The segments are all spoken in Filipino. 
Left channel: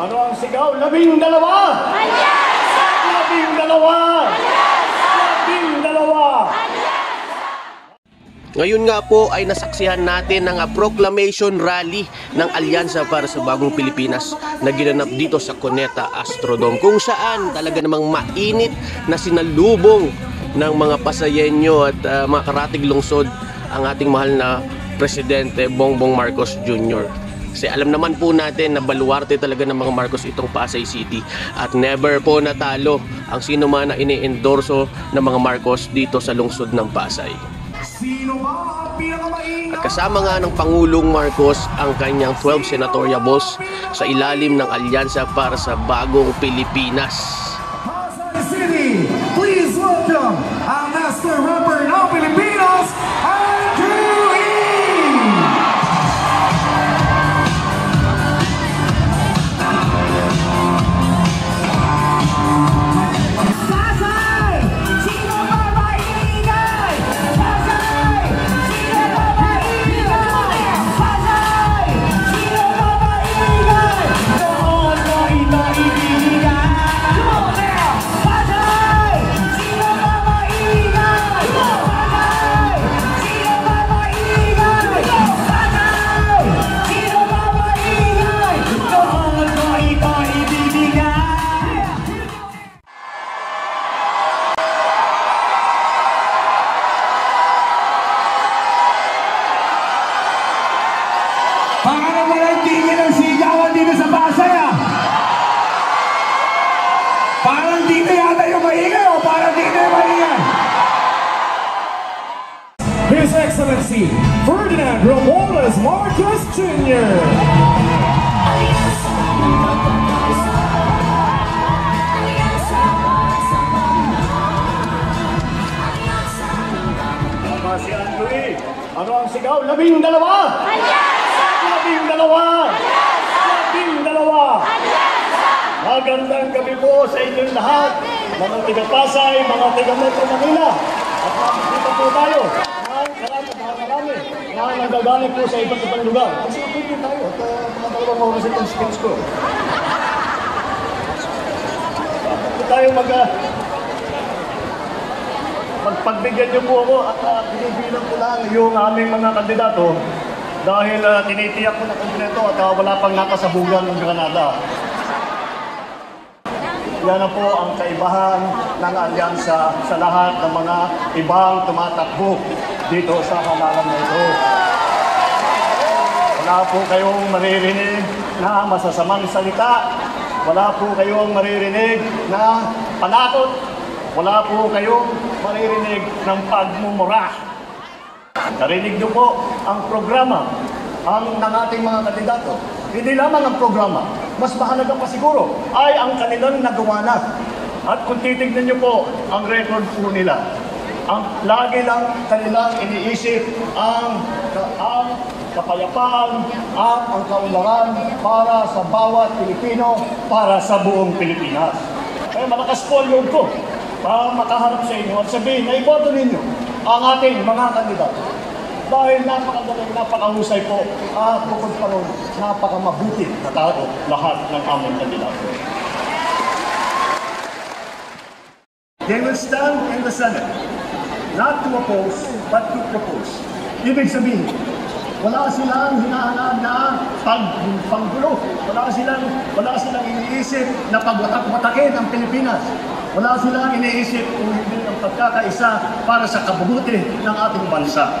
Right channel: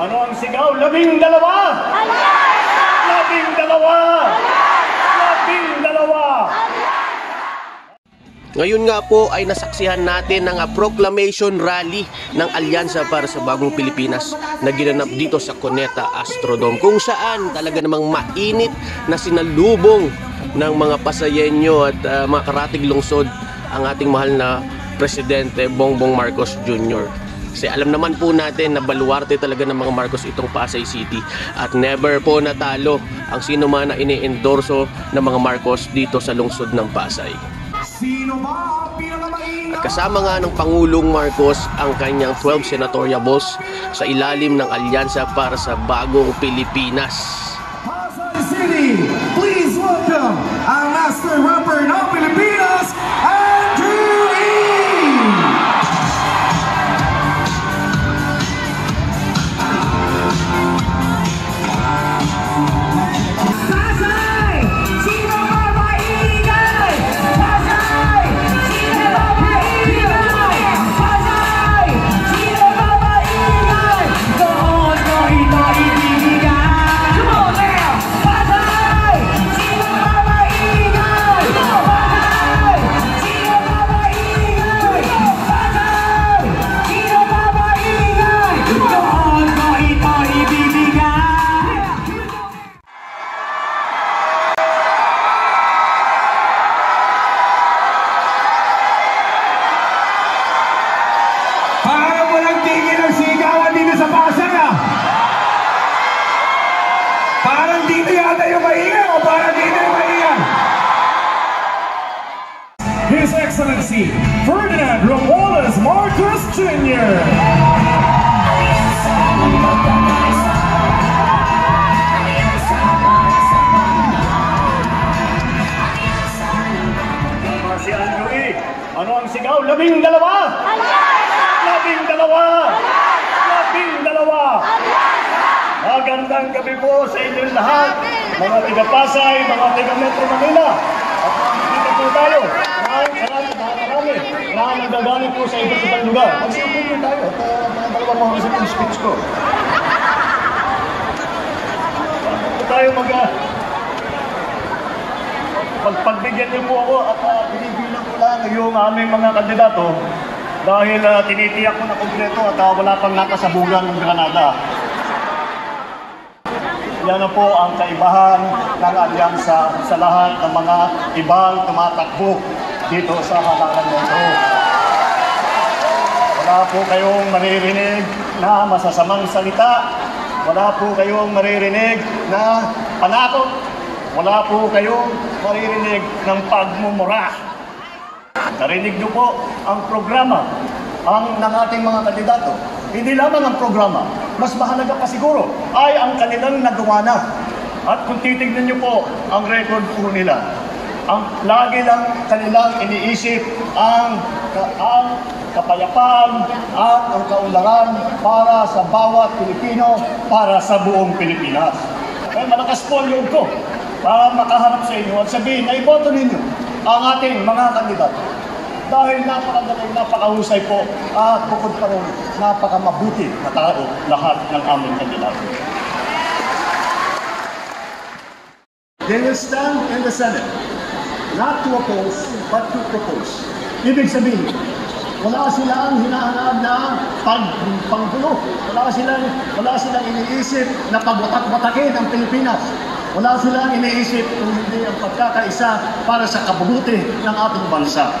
Ano ang sigaw? 12! 12! 12! Ngayon nga po ay nasaksihan natin ang proclamation rally ng Alyansa para sa Bagong Pilipinas na ginanap dito sa Cuneta Astrodome, kung saan talaga namang mainit na sinalubong ng mga Pasayenyo at mga karatig lungsod ang ating mahal na Presidente Bongbong Marcos Jr. Kasi alam naman po natin na baluarte talaga ng mga Marcos itong Pasay City at never po natalo ang sino man na ini-endorso ng mga Marcos dito sa lungsod ng Pasay. At kasama nga ng Pangulong Marcos ang kanyang 12 senatoriables sa ilalim ng Alyansa para sa Bagong Pilipinas. Pasay City, please welcome our Master Rapper ng Pilipinas, Andrew E! Parang walang tigil ang sigawan dito sa Pasay, ah! Parang dito yata yung maingay, o parang dito yung maingay? His Excellency, Ferdinand Romualdez Marcos Jr. Si Andrew E. Ano ang sigaw? 12! 12! Magandang gabi po sa inyong lahat, mga taga-Pasay, mga taga-Metro Manila. Dito po tayo, marami na nagagaling po sa iba't ibang lugar. Kasi po tayo, at pinadalawa mo kasi itong speech ko. Dito tayo pagpagbigyan niyo po ako at pinipilang ko lang yung aming mga kandidato dahil tinitiyak ko na kompleto at wala pang nakasabugan ng Granada. Yan na po ang kaibahan ng alyansa sa lahat ng mga ibang tumatakbo dito sa halalan nito. Wala po kayong maririnig na masasamang salita. Wala po kayong maririnig na panakot. Wala po kayong maririnig ng pagmumura. Narinig niyo po ang programa ng ating mga kandidato. Hindi lamang ang programa, mas mahalaga pa siguro ay ang kanilang nagawa na. At kung titignan niyo po ang record po nila, lagi lang kanilang iniisip ang kapayapaan, ang kaunlaran para sa bawat Pilipino, para sa buong Pilipinas. Kaya malakas po yung ko na makaharap sa inyo at sabihin na iboto ninyo ang ating mga kandidato. Dahil napakagaling, napakahusay po, bukod pa rin, napakamabuti na tao lahat ng aming kandidato. They will stand in the Senate, not to oppose, but to propose. Ibig sabihin, wala silang hinahanap na panggulo. Wala silang iniisip na pagwatak-watakin ang Pilipinas. Wala silang iniisip kung hindi ang pagkakaisa para sa kabubuti ng ating bansa.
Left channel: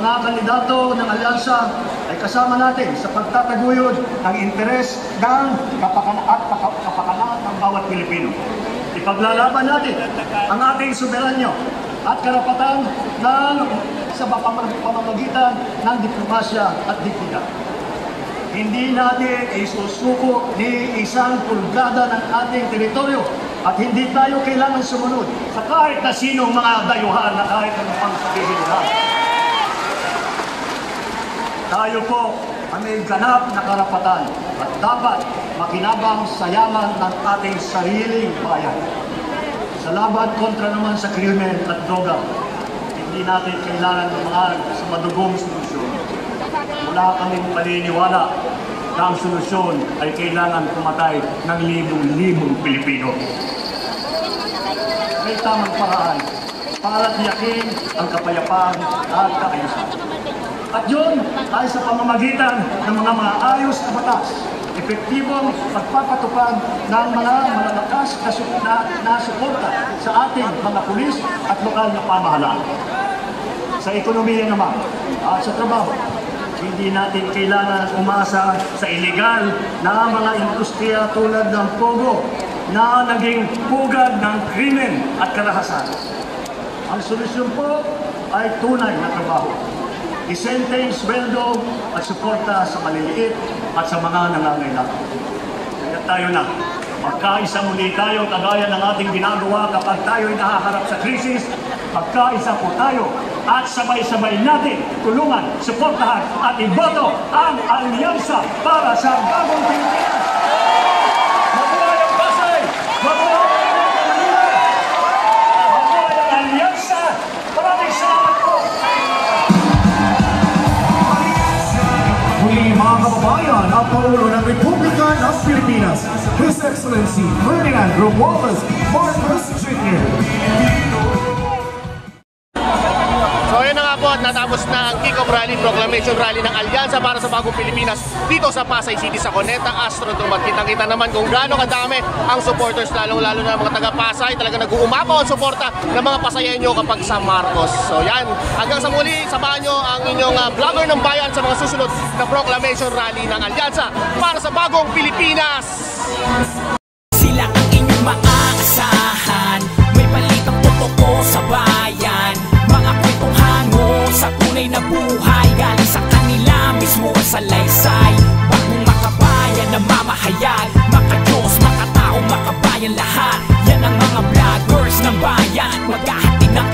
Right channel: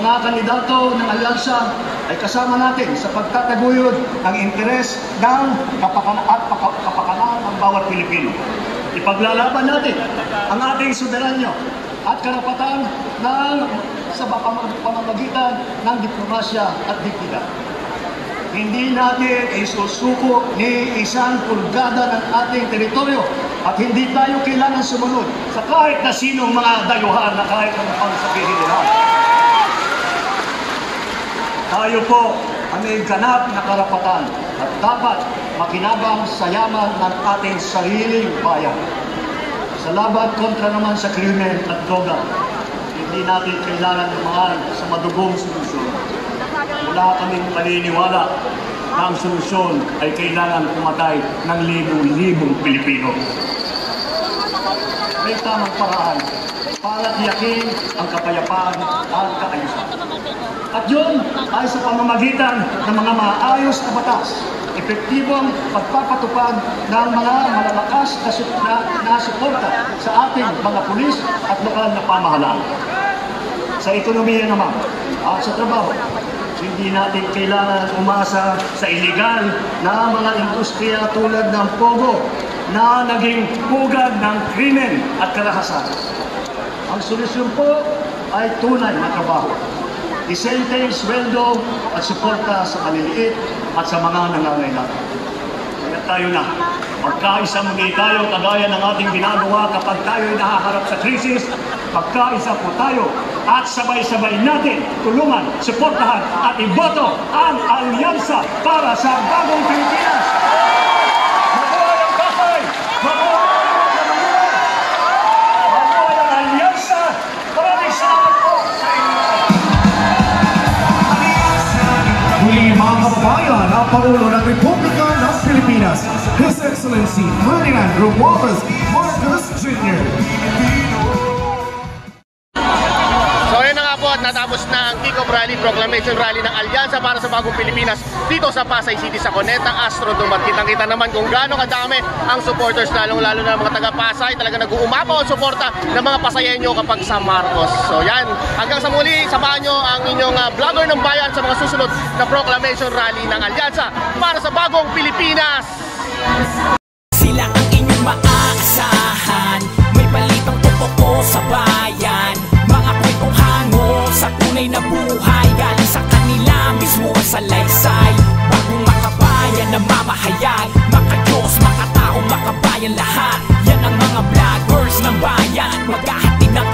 Mga kandidato ng alyansa ay kasama natin sa pagtataguyod ng interes ng kapakanan ng bawat Pilipino. Ipaglalaban natin ang ating soberanyo at karapatan sa pamamagitan ng diplomasya at dignidad. Hindi natin ay susuko ni isang pulgada ng ating teritoryo at hindi tayo kailangan sumunod sa kahit na sino mga dayuhan na kahit na pang-sabihin nila. Tayo po ang may ganap na karapatan at dapat makinabang sa yaman ng ating sariling bayan. Sa laban kontra naman sa krimen at droga, hindi natin kailangan lumahan sa madugong solusyon. wala kaming paniniwala na ang solusyon ay kailangan pumatay ng libong-libong Pilipino. May tamang paraan para tiyakin ang kapayapaan at kaayusan. At yun ay sa pamamagitan ng mga maayos na batas, epektibong magpapatupad ng mga malakas na suporta sa ating mga pulis at lokal na pamahalaan. Sa ekonomiya naman at sa trabaho, hindi natin kailangan umasa sa iligal na mga industriya tulad ng Pogo na naging pugad ng krimen at karahasan. Ang solusyon po ay tunay na trabaho, disenteng sweldo at suporta sa maliliit at sa mga nangangailangan. At tayo na, magkaisang hindi tayo kagaya ng ating ginagawa kapag tayo ay nahaharap sa krisis. Pagkaisa po tayo at sabay-sabay natin tulungan, suportahan at iboto ang alyansa para sa bagong Pilipinas. Alyansa, maraming salamat po. Muli mga kababayan, ang Pangulo ng Republika ng Pilipinas, His Excellency Ferdinand Romualdez Marcos Jr. Natapos na ang kick-off rally, proclamation rally ng Alyansa para sa Bagong Pilipinas dito sa Pasay City sa Cuneta Astrodome. At kitang-kita naman kung gaano kadami ang supporters, lalong-lalo na mga taga-Pasay. Talaga nag-uumapaw ang suporta ng mga Pasayenyo kapag sa Marcos. So yan, hanggang sa muli, samahan nyo ang inyong vlogger ng bayan sa mga susunod na proclamation rally ng Alyansa para sa Bagong Pilipinas. Sila ang inyong maaasahan, may balitang totoo sa bayan, mga kwentong hango sa tunay na buhay, galing sa kanila mismo ang salaysay. Bagong makabayan na mamahayag, maka-Diyos, makatao, makabayan lahat. Yan ang mga vloggers ng bayan, maghahatid ng